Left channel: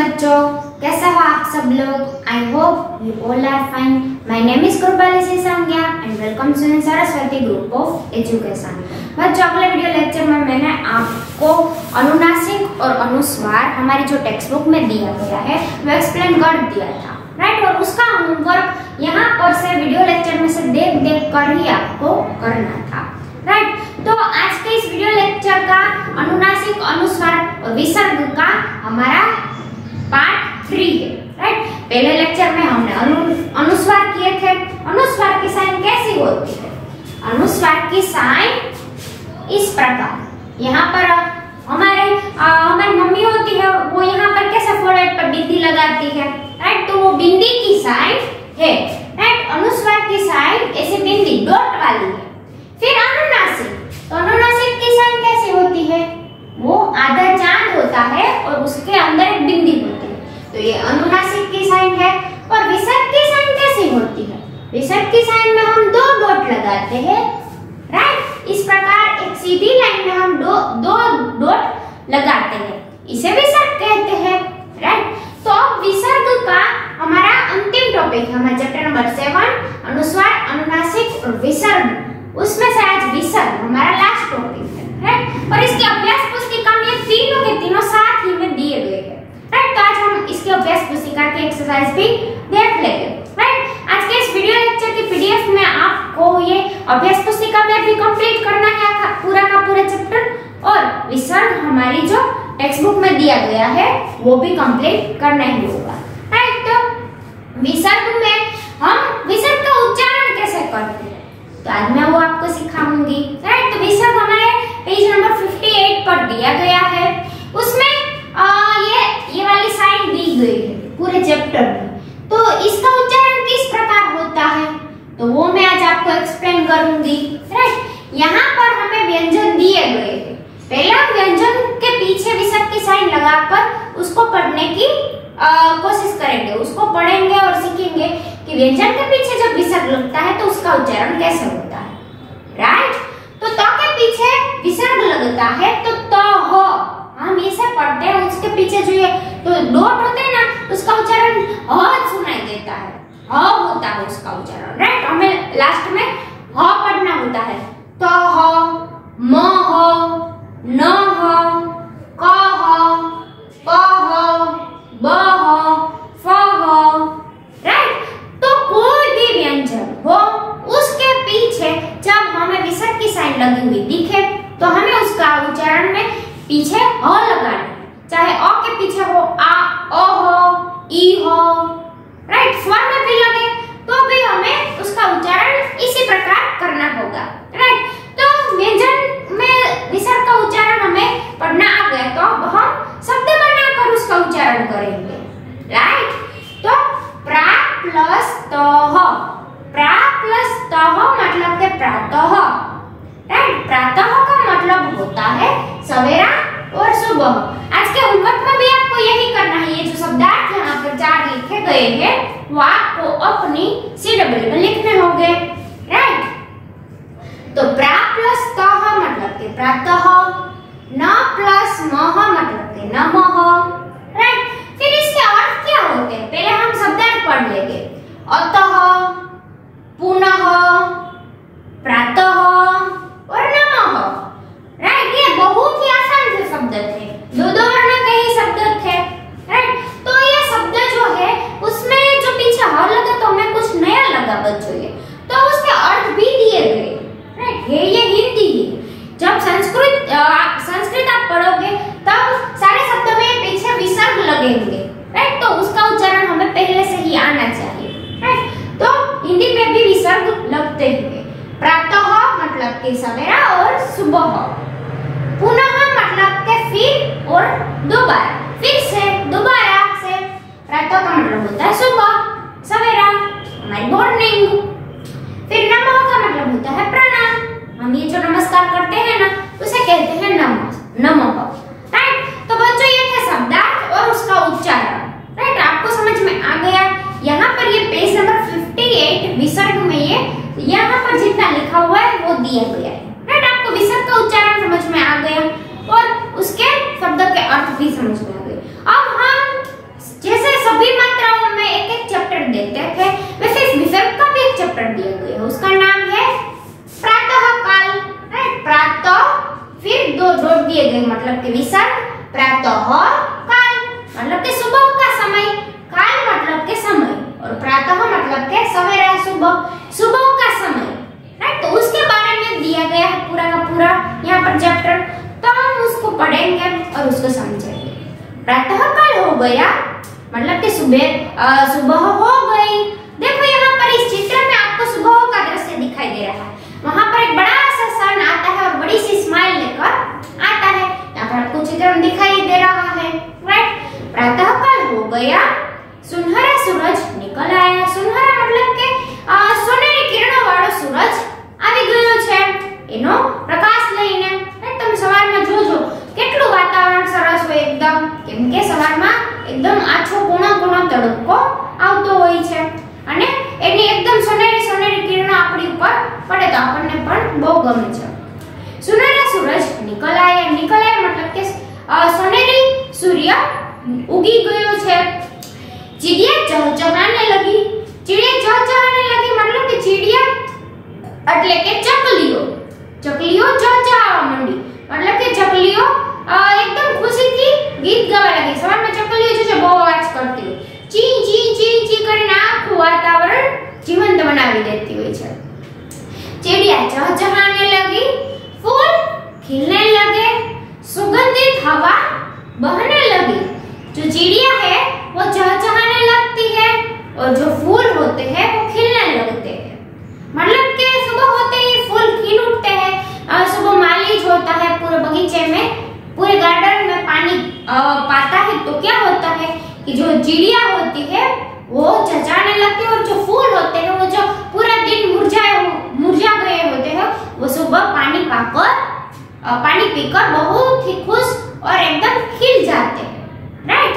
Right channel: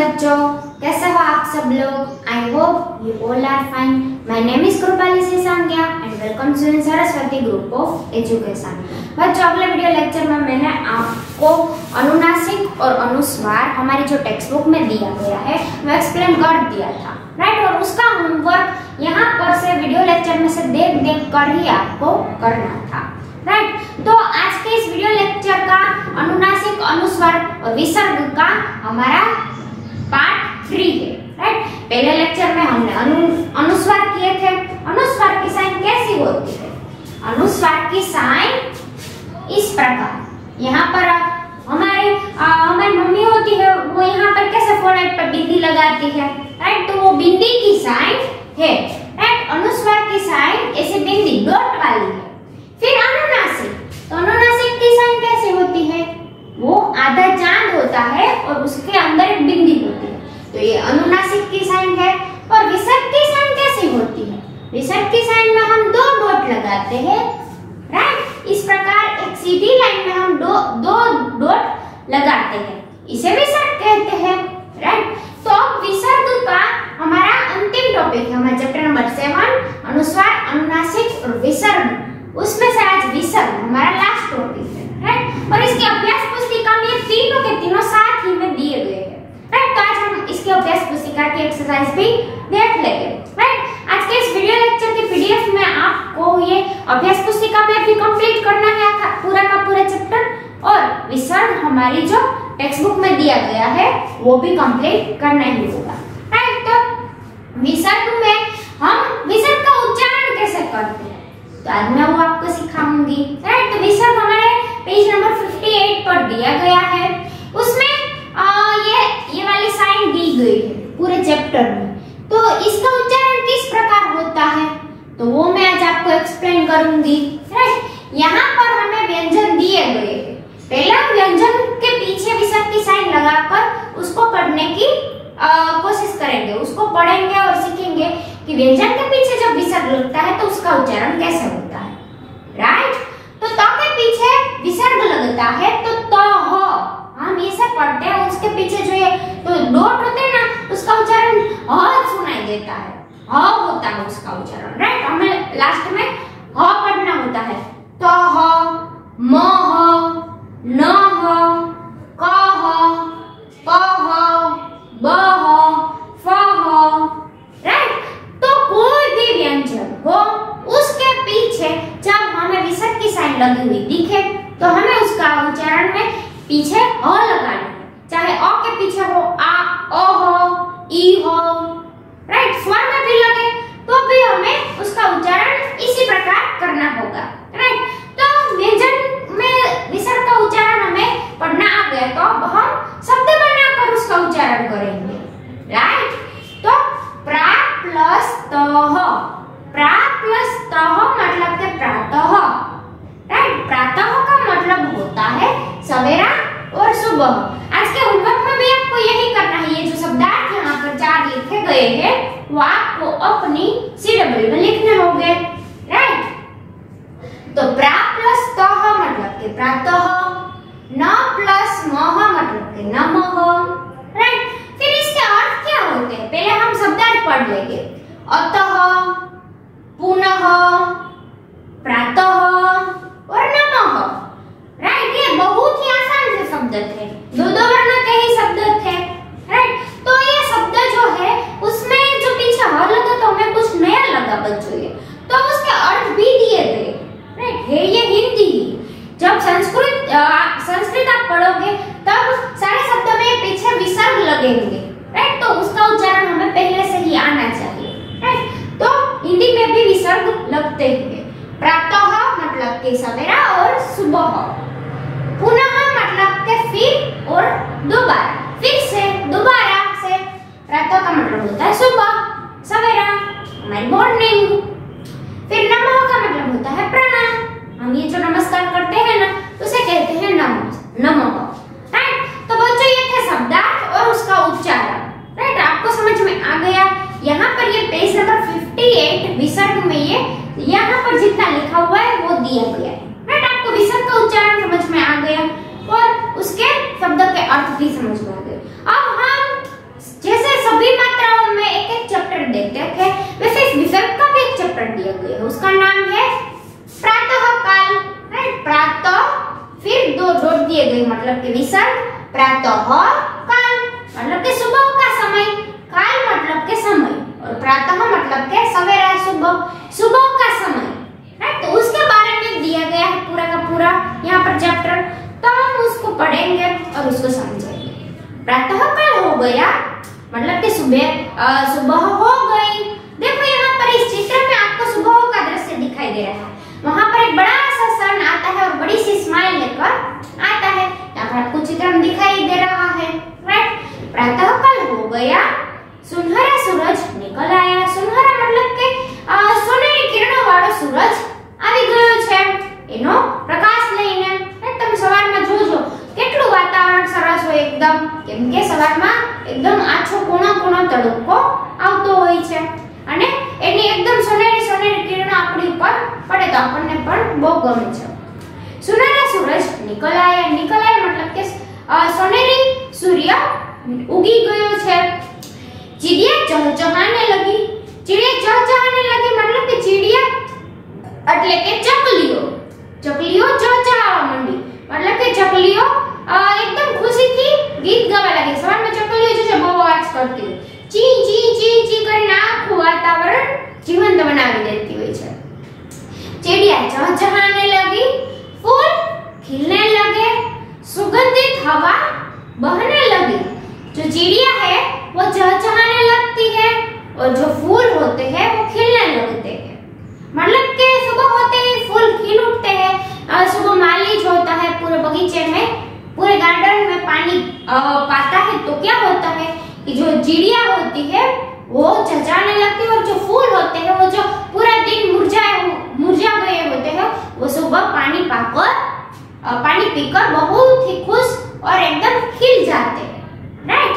बच्चों, कैसे हो आप सब लोग? I hope you all are fine. My name is Kripali Sangya and welcome to Saraswati group of education. बच्चों, अगले वीडियो लेक्चर में मैंने आपको अनुनासिक और अनुस्वार हमारी जो टेक्स्ट बुक में दिया गया है वो एक्सप्लेन कर दिया था, राइट। और उसका होमवर्क यहाँ पर से वीडियो लेक्चर में से देख देख कर ही आपको करना था, राइट। तो आज के इस वीडियो लेक्चर का अनुनासिक, अनुस्वार और विसर्ग का हमारा पार्ट 3 है, राइट। पहले लेक्चर में हमने अनुस्वार किए थे। अनुस्वार की साइन कैसी होती है? अनुस्वार की साइन इस प्रकार, यहाँ पर हमारी मम्मी होती है, वो यहाँ पर कैसे फोrehead पर बिंदी लगाती है, राइट। तो वो बिंदी की साइन है, राइट। अनुस्वार की साइन ऐसे बिंदी डॉट वाली है। फिर अनुनासिक, तो अनुनासिक की साइन कैसी होती है? वो आधा चांद होता है और उसके अंदर एक बिंदी होती है, तो ये अनुनासिक की साइन है। और विसर्ग की साइन कैसी होती है? विसर्ग की साइन में हम दो डॉट लगाते हैं, राइट। इस प्रकार एक सीधी लाइन में हम दो डॉट लगाते हैं, इसे विसर्ग कहते हैं, राइट। तो अब विसर्ग का हमारा अंतिम टॉपिक है, हमारा चैप्टर नंबर 7 अनुस्वार, अनुनासिक और विसर्ग। उसमें से आज विसर्ग हमारा लास्ट टॉपिक है, राइट। और इसकी अभ्यास पुस्तिका में तीनों के तीनों साथ ही में दिए गए हैं, राइट। तो आज हम इसकी अभ्यास पुस्तिका की एक्सरसाइज भी देख लेंगे, राइट। आज के इस वीडियो लेक्चर की पीडीएफ में आपको ये अभ्यास पुस्तिका में भी कंप्लीट करना है पूरा का पूरा चैप्टर, और विसर्ग हमारी जो टेक्स्ट बुक में दिया गया है वो भी कंप्लीट करना ही होगा, राइट। तो विसर्ग में हम विसर्ग का उच्चारण कैसे करते हैं, तो आज मैं वो आपको सिखाऊंगी, राइट। तो विसर्ग हमारे पेज नंबर 58 पर दिया गया है। उसमें ये वाली साइन दी गई है पूरे चैप्टर में। तो इसका उच्चारण किस प्रकार होता है, तो वो मैं आज आपको एक्सप्लेन करूंगी, राइट। यहाँ पर हमें व्यंजन दिए गए हैं। पहला व्यंजन के पीछे विसर्ग की साइन लगाकर उसको पढ़ने की कोशिश करेंगे, उसको पढ़ेंगे और सीखेंगे कि व्यंजन के पीछे जब विसर्ग लगता है तो उसका उच्चारण कैसे होता है, राइट। तो त के पीछे विसर्ग लगता है तो त हो, हम ऐसे पढ़ते हैं। उसके पीछे जो ये तो डॉट होते हैं ना, उसका उच्चारण ह सुनाई देता है, ह होता है उसका उच्चारण, राइट। हमें लास्ट में ह पढ़ना होता है। त ह, म ह, न ह, क ह, प ह, ब ह, फ ह, राइट। तो कोई भी व्यंजन हो उसके पीछे जब हमें विसर्ग की साइन लगी हुई दिखे तो हमें उसका उच्चारण में पीछे अ लगाना है। चाहे अ के पीछे हो आ, ओ हो, ई हो, राइट। स्वर में भी लगे तो भी हमें उसका उच्चारण इसी प्रकार करना होगा, राइट। तो व्यंजन में विसर्ग का उच्चारण हमें पढ़ना आ गया, तो अब हम शब्द बनाकर उसका उच्चारण करेंगे, राइट। तो प्रा प्लस तह, प्रा प्लस तह मतलब के प्रातः, राइट। प्रातः का मतलब होता है सवेरा और सुबह। आज के होमवर्क में भी आपको यही करना है। ये जो शब्दार्थ यहाँ पर 4 लिखे गए हैं वो आपको अपनी CW में लिखने होंगे, राइट। तो प्रा प्लस तह मतलब के प्रातः, न प्लस मह मतलब के नमः, राइट। फिर इसके अर्थ क्या होते हैं पहले हम शब्दार्थ पढ़ लेंगे। अतः, पुनः, प्रातः और नमः, राइट। ये बहुत ही आसान से शब्द थे, दो वर्ण के ही शब्द थे, राइट। तो ये शब्द जो है उसमें जो पीछे ह लगा तो हमें कुछ नया लगा बच्चों, ये तो उसके अर्थ भी दिए गए, राइट। ये हिंदी ही, जब संस्कृत आप पढ़ोगे तब सारे शब्द में पीछे विसर्ग लगेंगे, राइट। तो उसका उच्चारण हमें पहले से ही आना चाहिए, राइट। तो हिंदी में भी विसर्ग लगते हैं। प्रातः मतलब के सवेरा और सुबह, पुनः मतलब के फिर और दोबारा, फिर से दोबारा से। प्रातः का मतलब होता है सुबह, सवेरा हमारी मॉर्निंग। फिर नमः का मतलब होता है प्रणाम, हम ये जो नमस्कार करते हैं ना उसे कहते हैं नमः, राइट। तो बच्चों ये थे शब्दार्थ और उसका उच्चारण, राइट। आपको समझ में आ गया। यहाँ पर ये पेज नंबर 58 विसर्ग में ये यहाँ पर जितना लिखा हुआ है वो दिया गया है, राइट। आपको विसर्ग का उच्चारण समझ में आ गया और उसके शब्द के अर्थ भी समझ में आ गए। अब हम जैसे सभी मात्राओं में एक एक चैप्टर देते थे, वैसे इस विषय का भी एक चैप्टर दिया गया है, उसका नाम है प्रातःकाल। प्रातः फिर दो डॉट दिए गए, मतलब कि विसर्ग, प्रातःकाल मतलब कि सुबह का समय, काल मतलब के समय, और प्रातः मतलब के सवेरा, सुबह, सुबह का समय। राइट, तो उसके बारे में दिया गया है पूरा का पूरा यहाँ पर चैप्टर, तो हम उसको पढ़ेंगे और उसको समझेंगे। प्रातःकाल हो गया मतलब कि सुबह हो गई। देखो यहाँ पर इस चित्र में आपको सुबह का दृश्य दिखाई दे रहा है, वहां पर एक बड़ा सा सन आता है और बड़ी सी स्माइल लेकर आता है, यहाँ पर आपको चित्र में दिखाई दे रहा है। राइट, प्रातःकाल हो गया, सुनहरा सूरज निकल आया। सुनहरा मतलब के सोनेरी किरणों वाળો सूरज આવી ગયો છે, એનો પ્રકાશ લઈને। તમે સવારમાં જોજો કેટલું વાતાવરણ સરસ હોય એકદમ, કેમ કે સવારમાં એકદમ આછો કોણો કોણો તડકો આવતો હોય છે અને એની એકદમ સોનેરી સોનેરી કિરણો આપણી ઉપર પડે તો આપણને પણ બહુ ગમે છે। સુનહેરા સૂરજ નિકલ આયા मतलब કે સોનેરી સૂર્ય ઉગી ગયો છે। चिड़िया चहचहाने लगी। चिड़िया चहचहाने लगी मतलब कि चिड़िया એટલે કે ચકલીઓ ચહચહાવા માંડી, मतलब કે ચકલીઓ एकदम खुशी की गीत गावा लगी। સવારમાં ચકલીઓ જે છે બહુ અવાજ કરતી હોય, ચી ચી ચી ચી કરીને આખું વાતાવરણ જીવંત બનાવી દેતી હોય છે। चिड़िया चहचहाने लगी, फूल खिलने लगे, सुगंधित हवा बहने लगी। जो चिड़िया है वो चहचहाने लगती है और जो फूल होते हैं वो खिलने लगते हैं, मतलब कि सुबह होते ही फूल खिल उठते हैं। सुबह माली जो होता है पूरे बगीचे में, पूरे गार्डन में पानी पाता है, तो क्या होता है कि जो चिड़िया होती है वो चहचहाने लगती है और जो फूल होते हैं वो जो पूरा दिन मुरझा गए होते हैं वो सुबह पानी पीकर बहुत ही खुश और एकदम खिल जाते हैं। राइट,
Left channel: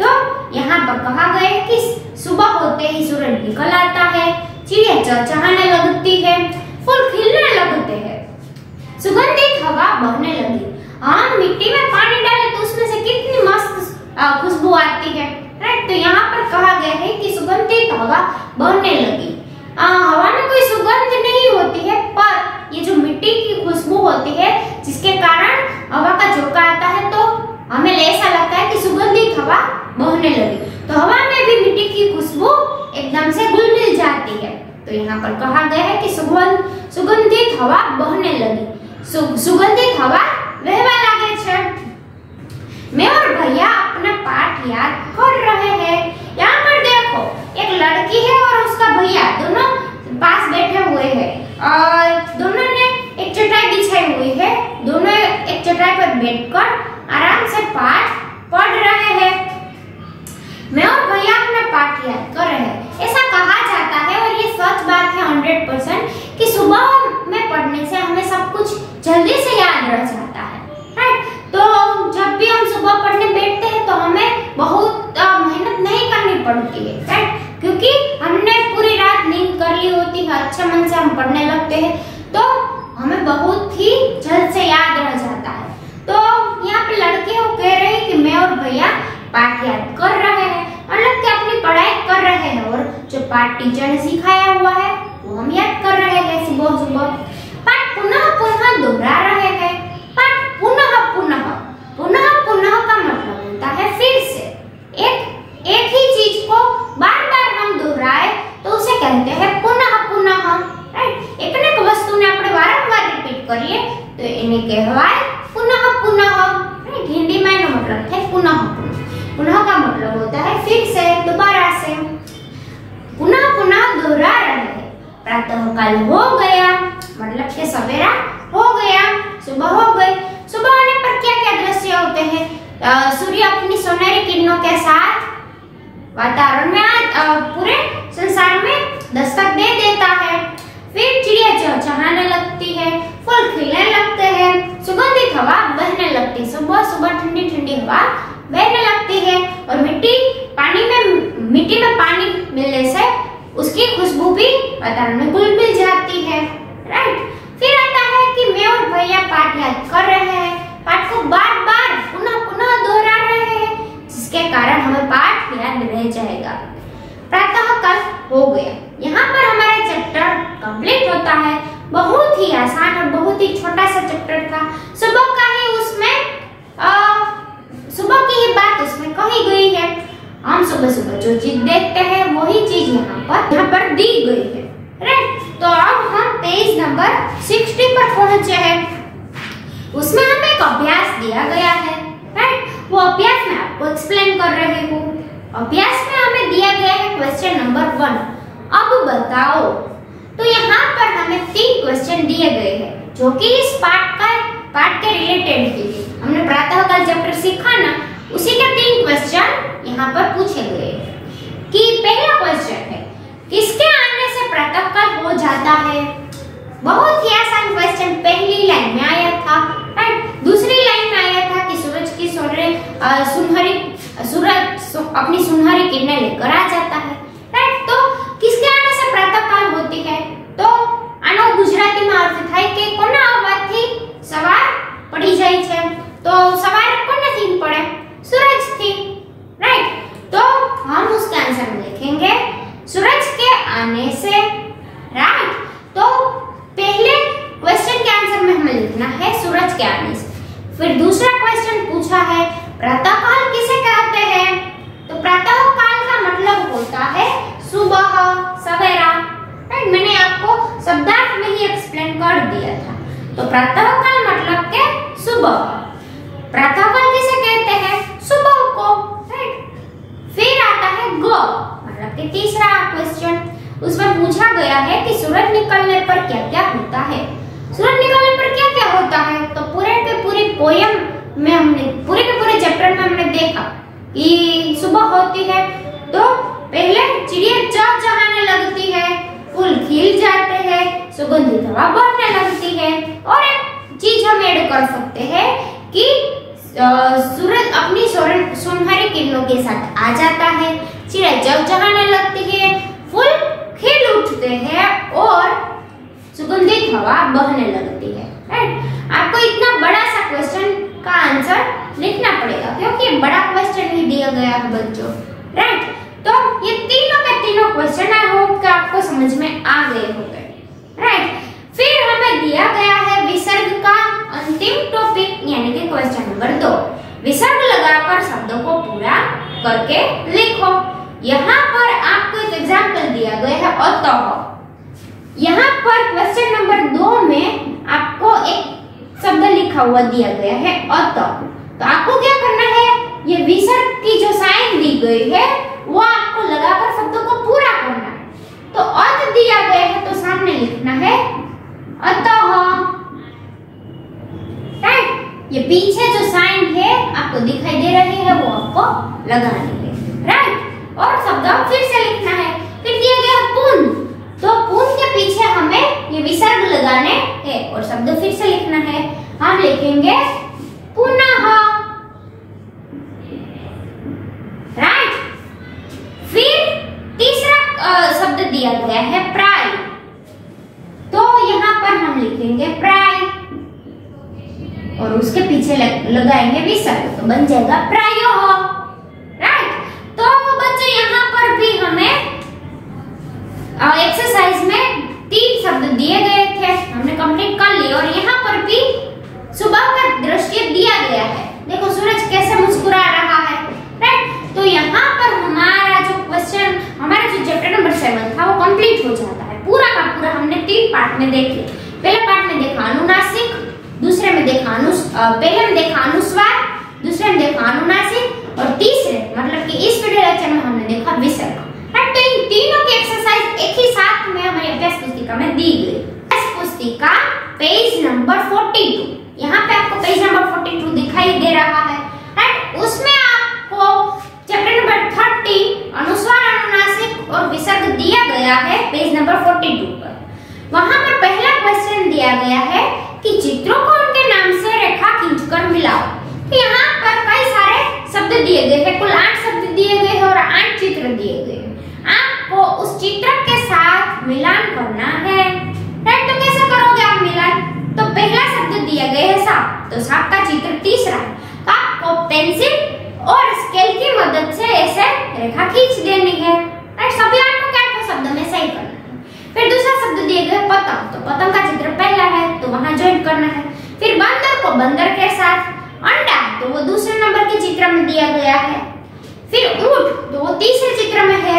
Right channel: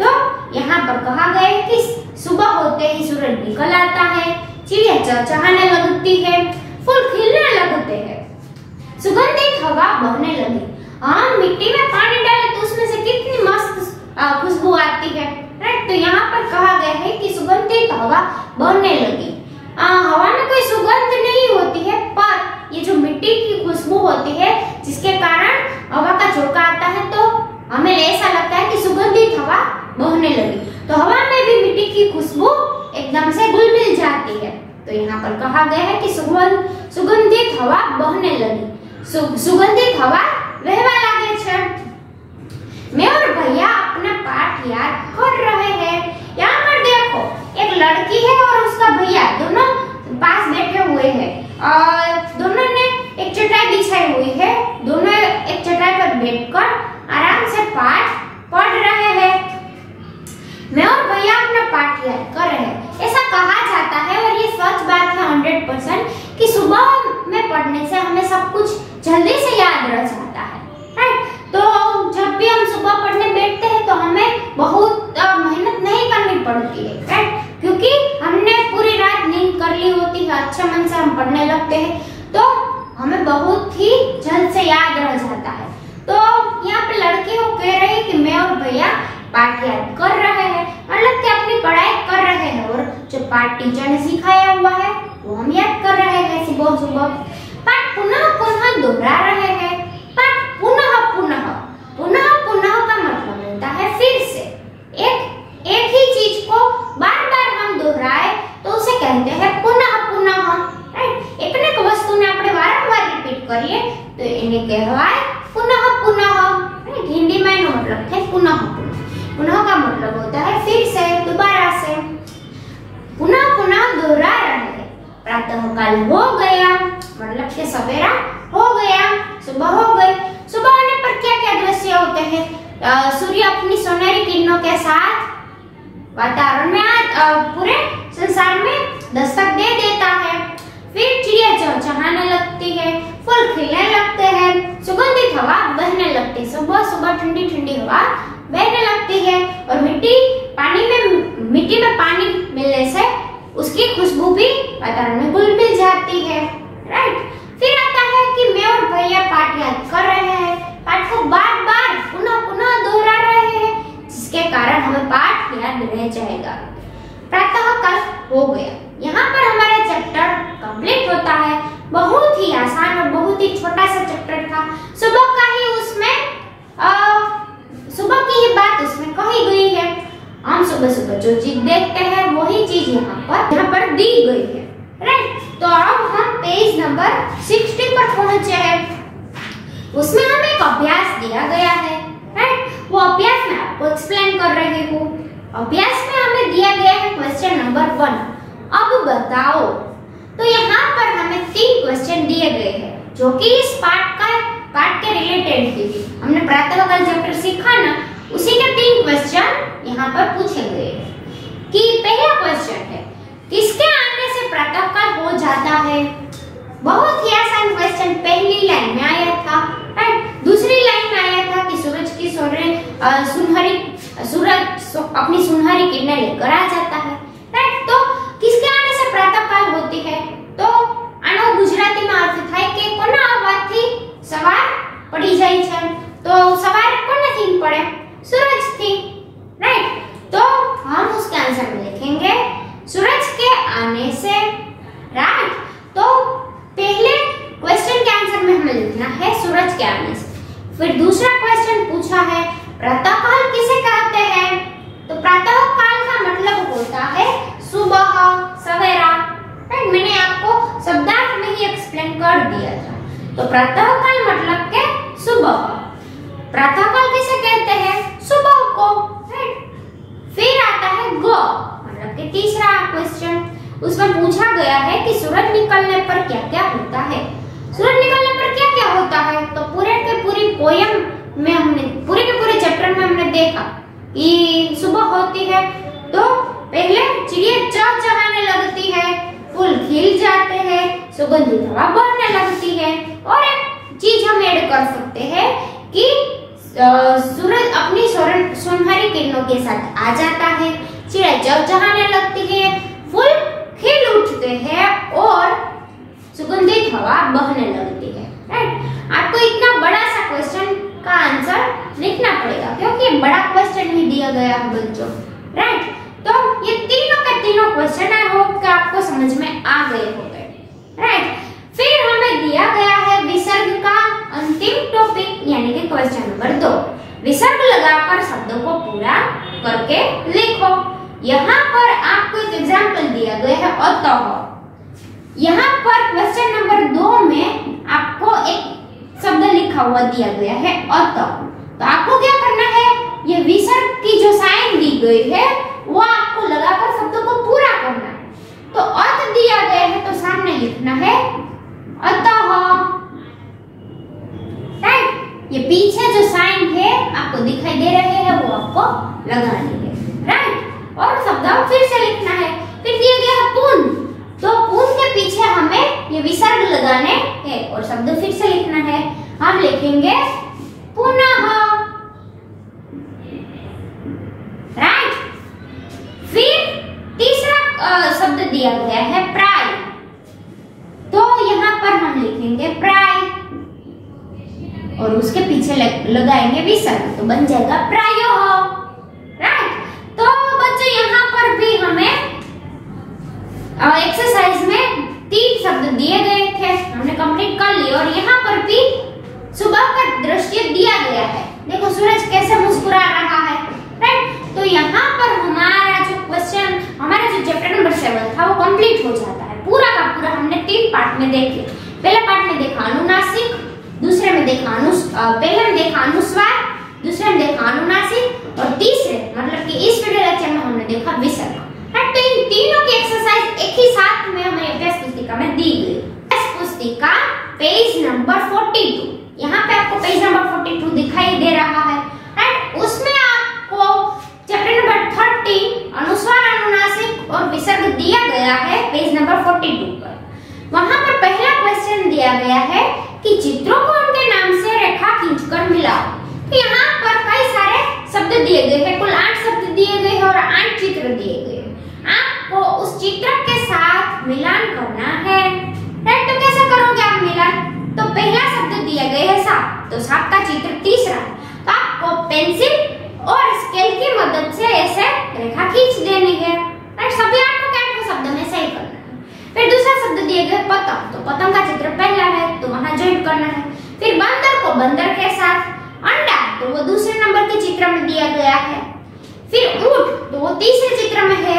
तो यहाँ पर कहा गया है कि सुबह होते ही सूरज निकल आता है, चिड़िया चहचहाने लगती है, फूल खिलने लगते हैं, सुगंधित हवा बहने लगी। हम मिट्टी में पानी डालें तो उसमें से कितनी मस्त खुशबू आती है। राइट, तो यहाँ पर कहा गया है कि सुगंधित हवा बहने लगी। हवा में कोई सुगंध नहीं होती है, पर ये जो मिट्टी की खुशबू होती है जिसके कारण हवा का झोंका आता है तो हमें ऐसा लगता है कि सुगंधित हवा बहने लगी। तो हवा में भी मिट्टी की खुशबू एकदम से घुल मिल जाती है। तो यहाँ पर कहा गया है कि सुगंधित हवा बहने लगी, सुगंधित हवा बहवा लगे छे। मैं और भैया अपना पाठ याद कर रहे हैं। यहाँ पर देखो एक लड़की है और उसका भैया दोनों पास बैठे हुए हैं और दोनों ने एक चटाई बिछाई हुई है, दोनों एक चटाई पर बैठकर आराम से पाठ पढ़ रहे हैं। मैं और भैया अपना पाठ याद कर रहे हैं, ऐसा कहा जाता है और ये सच बात है 100% कि सुबह में पढ़ने से हमें सब कुछ जल्दी से याद रह जाता है। राइट, तो जब भी हम सुबह पढ़ने बैठते हैं तो हमें बहुत मेहनत नहीं करनी पड़ती है। राइट, क्योंकि हमने पूरी रात नींद कर ली होती है, अच्छे मन से हम पढ़ने लगते हैं तो हमें बहुत ही जल्द से याद रह जाता है। तो यहाँ पे लड़के वो कह रहे हैं कि मैं और भैया पाठ याद कर रहे हैं, मतलब कि अपनी पढ़ाई कर रहे हैं और जो पाठ टीचर ने सिखाया हुआ है वो हम याद कर रहे हैं सुबह सुबह। पाठ पुनः पुनः दोहरा रहे हैं। पाठ पुनः पुनः पुनः पुनः का मतलब होता है फिर से। एक ही चीज को बार बार हम दोहराए तो उसे कहते हैं पुनः पुनः। राइट, एक वस्तु ने આપણે વારંવાર રિપીટ કરીએ તો એને કહેવાય પુનઃ પુનઃ। राइट, हिंदी में એનો मतलब है पुनः पुनः। पुनः का मतलब होता है फिर से, दोबारा से। पुनः पुनः दोहरा रहे हैं। प्रातःकाल हो गया मतलब कि सवेरा हो गया, सुबह हो गई। सुबह होने पर क्या क्या दृश्य होते हैं? सूर्य अपनी सुनहरी किरणों के साथ वातावरण में पूरे संसार में दस्तक दे देता है। फिर चिड़िया चहचहाने लगती है, फूल खिलने लगते हैं, सुगंधित हवा बहने लगती है। सुबह सुबह ठंडी ठंडी हवा बहने लगती है और मिट्टी में पानी मिलने से उसकी खुशबू भी वातावरण में घुल मिल जाती है। राइट, फिर आता है कि मैं और भैया पाठ याद कर रहे हैं। पाठ को बार बार पुनः पुनः दोहरा रहे हैं जिसके कारण हमें पाठ हो गया। यहाँ पर हमारा चैप्टर कंप्लीट होता है। बहुत ही आसान और बहुत ही छोटा सा चैप्टर था। सुबह का ही उसमें सुबह की ही बात उसमें कही गई है। हम सुबह सुबह जो चीज देखते हैं वही चीज यहाँ पर दी गई है। राइट, तो अब हम पेज नंबर 60 पर पहुंचे हैं। उसमें हमें एक अभ्यास दिया गया है। राइट, वो अभ्यास मैं आपको एक्सप्लेन कर रही हूँ। अभ्यास में हमें दिया गया है क्वेश्चन नंबर 1, अब बताओ। तो यहाँ पर हमें 3 क्वेश्चन दिए गए हैं जो कि इस पार्ट के रिलेटेड ही हमने प्रातःकाल चैप्टर सीखा ना, उसी के 3 क्वेश्चन यहाँ पर पूछे गए हैं। कि पहला क्वेश्चन है, किसके आने से प्रातःकाल हो जाता है? बहुत ही आसान क्वेश्चन पहली लाइन में आया था। राइट, दूसरी लाइन में आया था कि सूरज अपनी सुनहरी किरणें लेकर आ जाता है। राइट, तो किसके आने से प्रातःकाल होती है? तो આનો ગુજરાતીમાં અર્થ થાય કે કોના આવવાથી સવાર પડી જાય છે? તો સવાર કોનાથી પડે? सूरज थी। राइट, तो हम उसका आंसर में लिखेंगे सूरज के आने से। राइट, तो पहले क्वेश्चन के आंसर में हमें लिखना है सूरज के आने से। फिर दूसरा क्वेश्चन पूछा है प्रातःकाल किसे कहते हैं? तो प्रातःकाल का मतलब होता है सुबह, सवेरा। राइट, मैंने आपको शब्दार्थ में ही एक्सप्लेन कर दिया था। तो प्रातःकाल मतलब के सुबह। प्रातःकाल किसे कहते हैं? सुबह को। राइट, फिर आता है ग मतलब कि तीसरा क्वेश्चन। उसमें पूछा गया है कि सूरज निकलने पर क्या क्या होता है। सूरज निकलने पर क्या क्या होता है? तो पूरे के पूरी पोयम में हमने पूरे के पूरे चैप्टर में हमने देखा कि सुबह होती है तो पहले चिड़िया चहचहाने लगती है, फूल खिल जाते हैं, सुगंधित हवा बहने लगती है। और एक चीज हम ऐड कर सकते हैं कि सूरज अपनी सुनहरी किरणों के साथ आ जाता है, चिड़िया चहचहाने लगती है, फूल खिल उठते हैं और सुगंधित हवा बहने लगती है। राइट, आपको इतना बड़ा सा क्वेश्चन का आंसर लिखना पड़ेगा क्योंकि ये बड़ा क्वेश्चन ही दिया गया है बच्चों। राइट, तो ये तीनों के तीनों क्वेश्चन आई होप कि आपको समझ में आ गए होंगे। राइट, फिर हमें दिया गया है विसर्ग का अंतिम टॉपिक यानी कि क्वेश्चन नंबर 2। विसर्ग लगाकर शब्दों को पूरा करके लिखो। यहाँ पर आपको एक एग्जाम्पल दिया गया है अतः। यहाँ पर क्वेश्चन नंबर 2 में आपको एक शब्द लिखा हुआ दिया गया है अतः। तो आपको क्या करना है, ये विसर्ग की जो साइन दी गई है वो आपको लगाकर शब्दों को पूरा करना है। तो अर्थ दिया गया है तो सामने लिखना है अतः। राइट, ये पीछे जो साइन है आपको दिखाई दे रहे हैं वो आपको लगानी है। राइट, और शब्द फिर से लिखना है। फिर दिया गया है पुन, तो पुन के पीछे हमें ये विसर्ग लगाने हैं और शब्द फिर से लिखना है। हम लिखेंगे पुनः। राइट, फिर तीसरा शब्द दिया गया है प्राय, तो यहाँ पर हम लिखेंगे प्राय और उसके पीछे लगाएंगे विसर्ग तो बन जाएगा प्रायोः। राइट, तो बच्चों यहाँ पर भी हमें एक्सरसाइज में 3 शब्द दिए गए थे, हमने कंप्लीट कर लिए। और यहाँ पर भी सुबह का दृश्य दिया गया है। देखो सूरज कैसे मुस्कुरा रहा है। राइट, तो यहाँ पर हमारा जो क्वेश्चन, हमारा जो चैप्टर नंबर 7 था वो कंप्लीट हो जाता है। पूरा का पूरा हमने 3 पार्ट में देख लिया। पहले पार्ट में देखा अनुनासिक, दूसरे में देखा पहले में देखा अनुस्वार, दूसरे में देखा अनुनासिक और तीसरे मतलब कि इस वीडियो लेक्चर में हमने देखा विसर्ग। तो इन तीनों की एक्सरसाइज एक ही साथ में हमारी अभ्यास पुस्तिका में दी गई। अभ्यास पुस्तिका पेज नंबर 42, यहाँ पे आपको पेज नंबर 42 दिखाई दे रहा है। राइट, उसमें आपको चैप्टर नंबर 30 अनुस्वार, अनुनासिक और विसर्ग दिया गया है पेज नंबर 42 पर। वहां पर पहला क्वेश्चन दिया गया है कि चित्रों को उनके नाम से रेखा खींचकर मिलाओ। तो यहाँ पर कई सारे शब्द दिए गए हैं, कुल 8 शब्द दिए गए हैं और 8 चित्र दिए गए हैं। आपको उस चित्र के साथ मिलान करना है। राइट, तो कैसे करोगे आप मिलान? तो पहला शब्द दिया गया है सांप, तो सांप का चित्र तीसरा है। तो आपको पेंसिल और स्केल की मदद से ऐसे रेखा खींच देनी है। राइट, सभी 8 शब्द शब्द में सही करना है। फिर दूसरा शब्द दिए गए पतंग, तो पतंग का चित्र पहला है तो वहां ज्वाइन करना है। फिर बंदर को बंदर के साथ, अंडा तो वो दूसरे नंबर के चित्र में दिया गया है। फिर ऊंट तो वो तीसरे चित्र में है।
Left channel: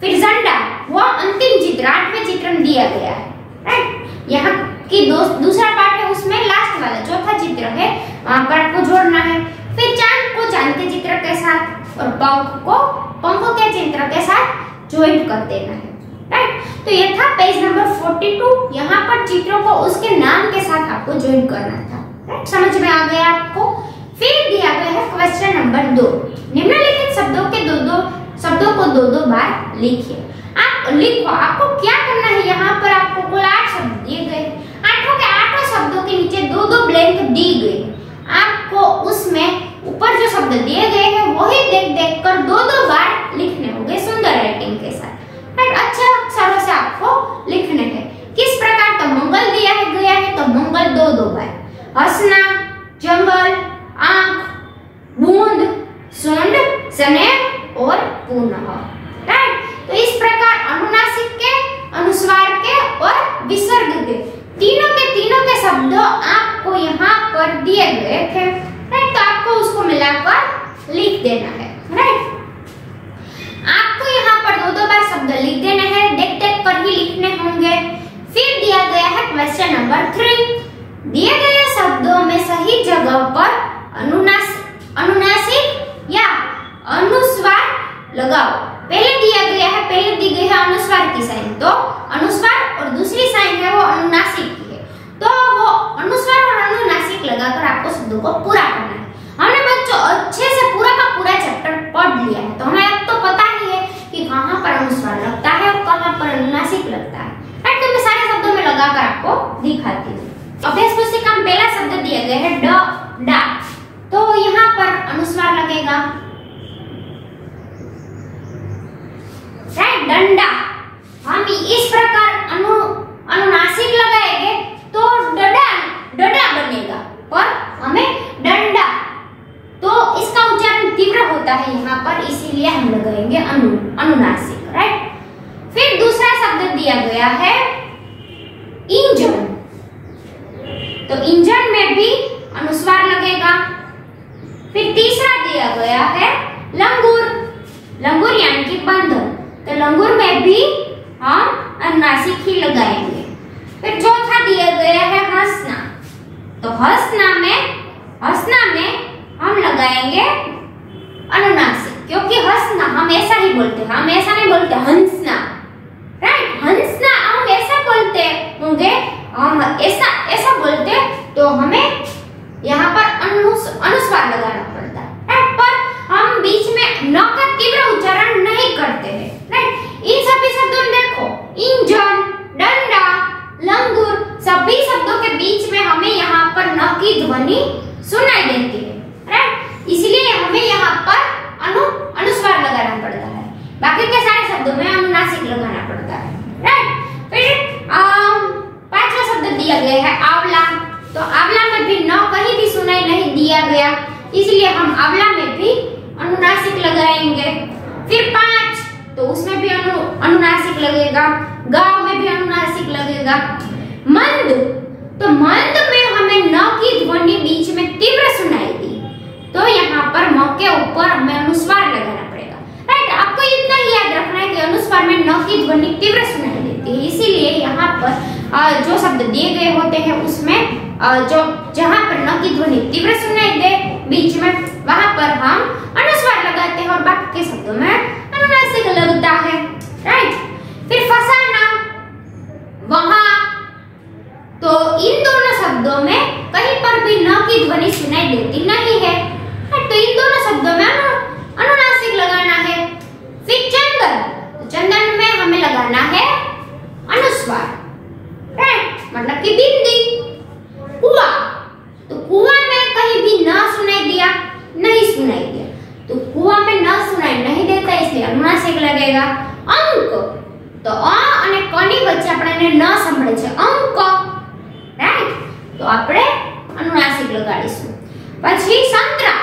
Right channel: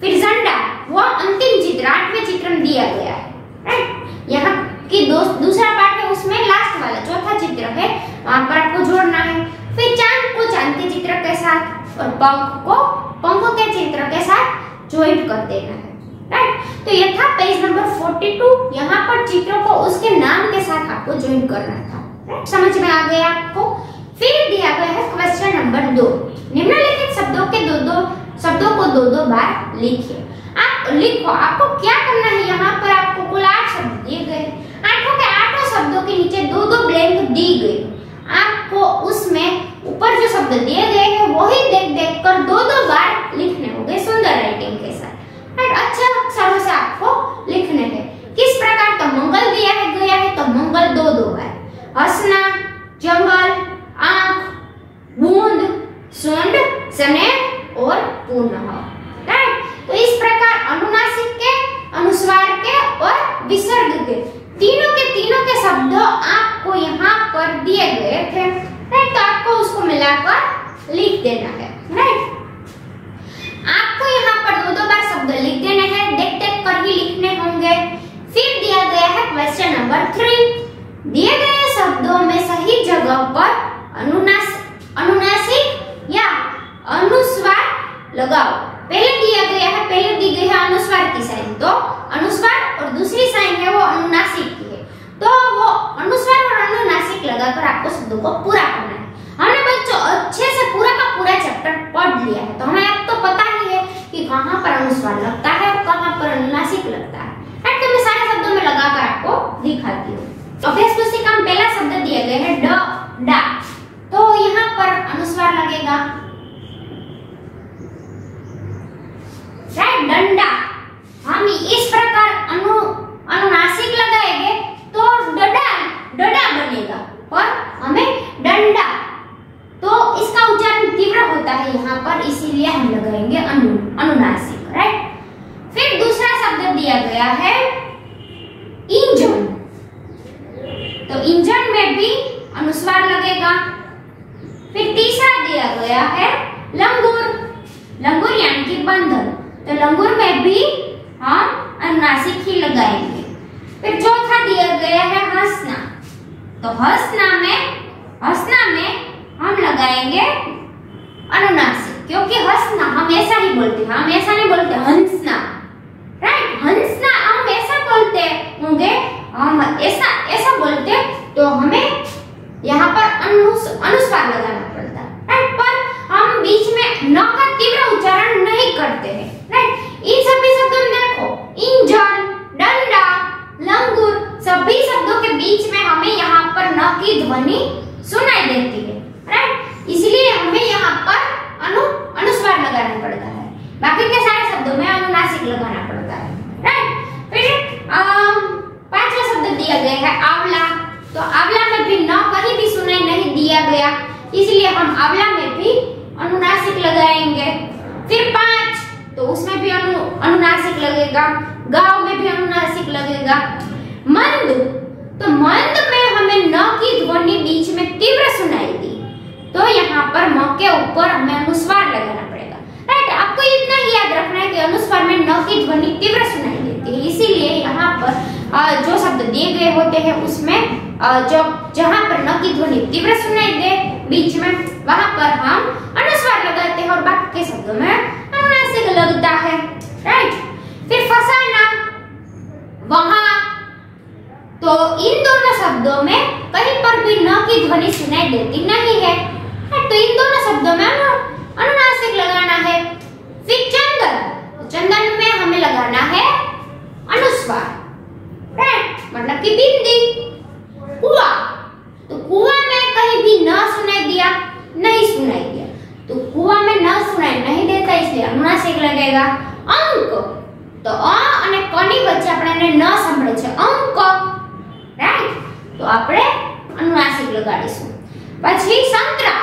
फिर झंडा वो अंतिम चित्र 8वें चित्र में दिया गया है, राइट। यहाँ की दूसरा पार्ट है उसमें लास्ट वाला चौथा चित्र है, वहां पर आपको जोड़ना है। फिर चांद को चांद के चित्र के साथ और पंख को पंख के चित्र के साथ ज्वाइन कर देना है, राइट। तो ये था पेज नंबर 42। यहाँ पर चित्रों को उसके नाम के साथ आपको ज्वाइन करना था, राइट। समझ में आ गया आपको। फिर दिया गया है क्वेश्चन नंबर 2, निम्नलिखित शब्दों के शब्दों को दो बार लिखिए। आप लिखो, आपको क्या करना है, यहाँ पर आपको कुल 8 शब्द दिए गए, 8 के 8 शब्दों के नीचे 2 ब्लैंक दी गई। आपको उसमें ऊपर जो शब्द दिए गए हैं वही देख कर 2 बार लिखने होंगे सुंदर राइटिंग के साथ, राइट। अच्छे अक्षरों से आपको लिखने हैं। किस प्रकार, तो मंगल दिया है गया है तो मंगल 2 बार, हंसना, जंगल, आंख, बूंद, सुंड, स्नेह और पुनः, राइट। तो इस प्रकार अनुनासिक के, अनुस्वार के और विसर्ग के तीनों के शब्द आपको यहाँ पर दिए गए थे, राइट। तो आपको उसको मिलाकर लिख देना है, राइट। आपको यहाँ पर 2 बार शब्द लिख देने हैं, देख कर ही लिखने होंगे। फिर दिया गया है क्वेश्चन नंबर 3, दिए गए शब्दों में सही जगह पर अनुनासिक या अनुस्वार लगाओ। पहले दी गई है अनुस्वार की साइन, तो अनुस्वार और दूसरी साइन है वो अनुनासिक की है, तो वो अनुस्वार और अनुनासिक लगाकर आपको शब्दों को पूरा करना है। हमने बच्चों अच्छे से पूरा का पूरा चैप्टर पढ़ लिया है, तो हमें अब तो पता ही है कि कहाँ पर अनुस्वार लगता है और कहाँ पर अनुनासिक लगता है, राइट। तो मैं सारे शब्दों में लगाकर आपको दिखाती हूँ। अभ्यास पुस्तिका में पहला शब्द दिया गया है डा, तो यहाँ पर अनुस्वार लगेगा, राइट। डंडा हम इस प्रकार अनुनासिक लगाएंगे तो डडा बनेगा, पर हमें डंडा, तो इसका उच्चारण तीव्र होता है यहाँ पर, इसीलिए हम लगाएंगे अनुनासिक, राइट। फिर दूसरा शब्द दिया गया है इंजन, तो इंजन में भी अनुस्वार लगेगा। फिर तीसरा दिया गया है लंगूर यानी कि बंधन, तो लंगूर में भी हम अनुनासिक ही लगाएंगे। फिर चौथा दिया गया है हंसना, तो हंसना में हम लगाएंगे अनुनासिक, क्योंकि हंसना हम ऐसा ही बोलते हैं, हम ऐसा नहीं बोलते हंसना, राइट। हंसना हम ऐसा बोलते होंगे, हम ऐसा बोलते तो हमें यहाँ पर अनुस्वार लगाना पड़ता है, राइट। पर हम बीच में न का तीव्र उच्चारण नहीं करते हैं, राइट। इन सभी शब्दों में देखो, इंजन, डंडा, लंगूर, सभी शब्दों के बीच में हमें यहाँ पर न की ध्वनि सुनाई देती है, राइट। इसलिए हमें यहाँ पर अनुस्वार लगाना पड़ता है, बाकी के सारे शब्दों में अनुनासिक लगाना पड़ता है, राइट। फिर 5वां शब्द दिया गया है आंवला, तो आंवला में भी न कहीं भी सुनाई नहीं दिया गया, इसलिए हम आंवला में भी अनुनासिक लगाएंगे। फिर 5, तो उसमें भी अनुनासिक लगेगा, गांव में भी अनुनासिक लगेगा। मंद, तो मंद में हमें न की ध्वनि बीच में तीव्र सुनाई दी, तो यहाँ पर म के ऊपर हमें अनुस्वार लगाना पड़ेगा, राइट। आपको इतना ही याद रखना है कि अनुस्वार में न की ध्वनि तीव्र सुनाई देती है, इसीलिए यहाँ पर जो शब्द दिए गए होते हैं उसमें जहाँ पर न की ध्वनि तीव्र सुनाई दे बीच में, वहां पर हम अनुस्वार लगाते हैं और बाकी के शब्दों में अनुनासिक लगता है, राइट। फिर फसाना, वहां, तो इन दोनों शब्दों में कहीं पर भी न की ध्वनि सुनाई देती नहीं है, तो इन दोनों शब्दों में अनुनासिक लगाना है। फिर चंदन में हमें लगाना है अनुस्वार, राइट, मतलब कि बिंदी। कुआं, तो कुआं में कहीं भी न सुनाई दिया, तो कुआं में न सुनाई नहीं देता, इसलिए अनुनासिक लगेगा। अंक, तो अ અને ક ની વચ્ચે આપણે ન સંભળે છે અંક, રાઈટ, તો આપણે अनुनासिक લગાડીશું। પછી સંતરા,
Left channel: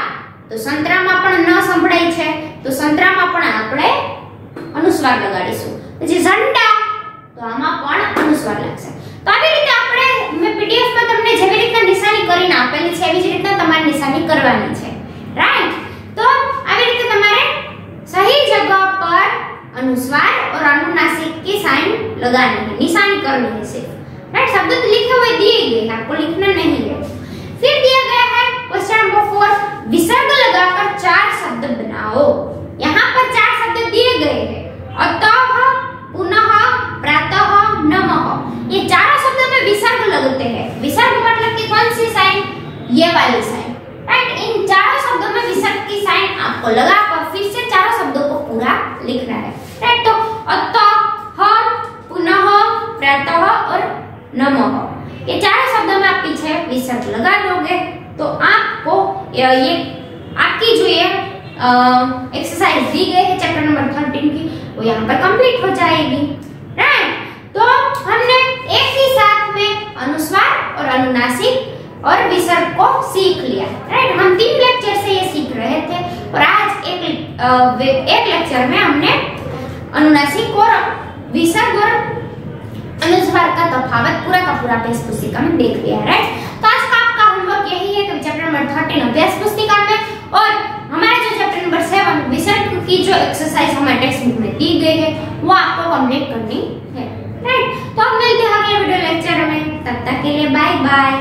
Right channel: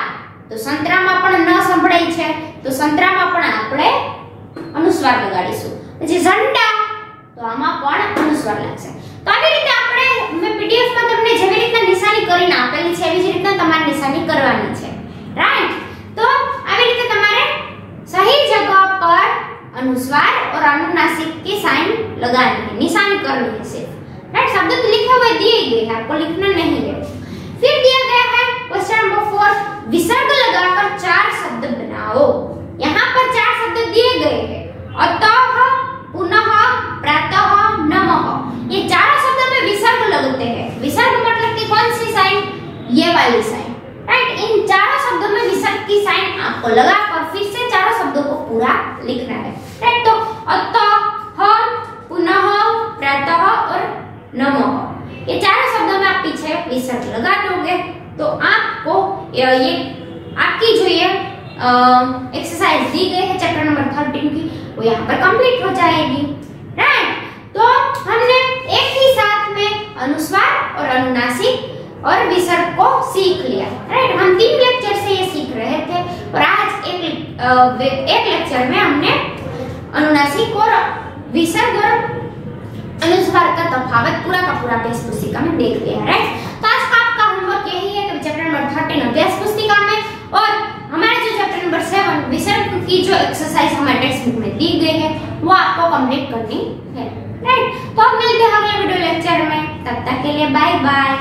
તો સંતરામાં પણ ન સંભળાય છે, તો સંતરામાં પણ આપણે अनुस्वार લગાડીશું। પછી ઝંડા તો આમાં પણ અનુસ્વાર લાગશે। તો આવી રીતે આપણે મેં પીડીએફ માં તમને જેવી રીતના નિશાની કરીને આપેલી છે એવી જ રીતના તમારે નિશાની કરવાની છે, રાઈટ। તો આવી રીતે તમારે सही जगह पर अनुस्वार और अनुनासिक की साइन लगानी है, निशानी करनी है सिर्फ, राइट। शब्द तो लिखे हुए दिए गए हैं, आपको लिखना नहीं है। फिर दिया गया है क्वेश्चन नंबर 4, विसर्ग लगाकर 4 शब्द बनाओ। यहाँ पर 4 शब्द दिए गए हैं, अतः, पुनः, प्रातः, नमः। ये चारों शब्द में विसर्ग लगते हैं। विसर्ग मतलब कि कौन सी साइन? ये वाली साइन, राइट। इन चारों शब्दों में विसर्ग की साइन आपको लगाकर फिर से चारों शब्दों को पूरा लिखना है, राइट। तो अतः, पुनः, प्रातः और नमः, ये चारों शब्दों में आप पीछे विसर्ग लगा दोगे तो आपको ये आपकी जो ये एक्सरसाइज दी गई है चैप्टर नंबर 13 की वो यहाँ पर कंप्लीट हो जाएगी, राइट। तो हमने एक ही साथ में अनुस्वार और अनुनासिक और विसर्ग को सीख लिया, राइट। हम 3 लेक्चर से ये सीख रहे थे और आज एक लेक्चर में हमने अनुनासिक और विसर्ग और अनुस्वार का तफावत पूरा का पूरा अभ्यास पुस्तिका में देख लिया, राइट। तो आज का आपका होमवर्क यही है कि चैप्टर नंबर 13 अभ्यास पुस्तिका में और हमारा जो चैप्टर नंबर 7 विसर्ग की जो एक्सरसाइज हमारे टेक्स्ट बुक में दी गई है वो आपको कंप्लीट करनी है, राइट। तो अब मिलते हैं अगले वीडियो लेक्चर में, तब तक के लिए बाय बाय।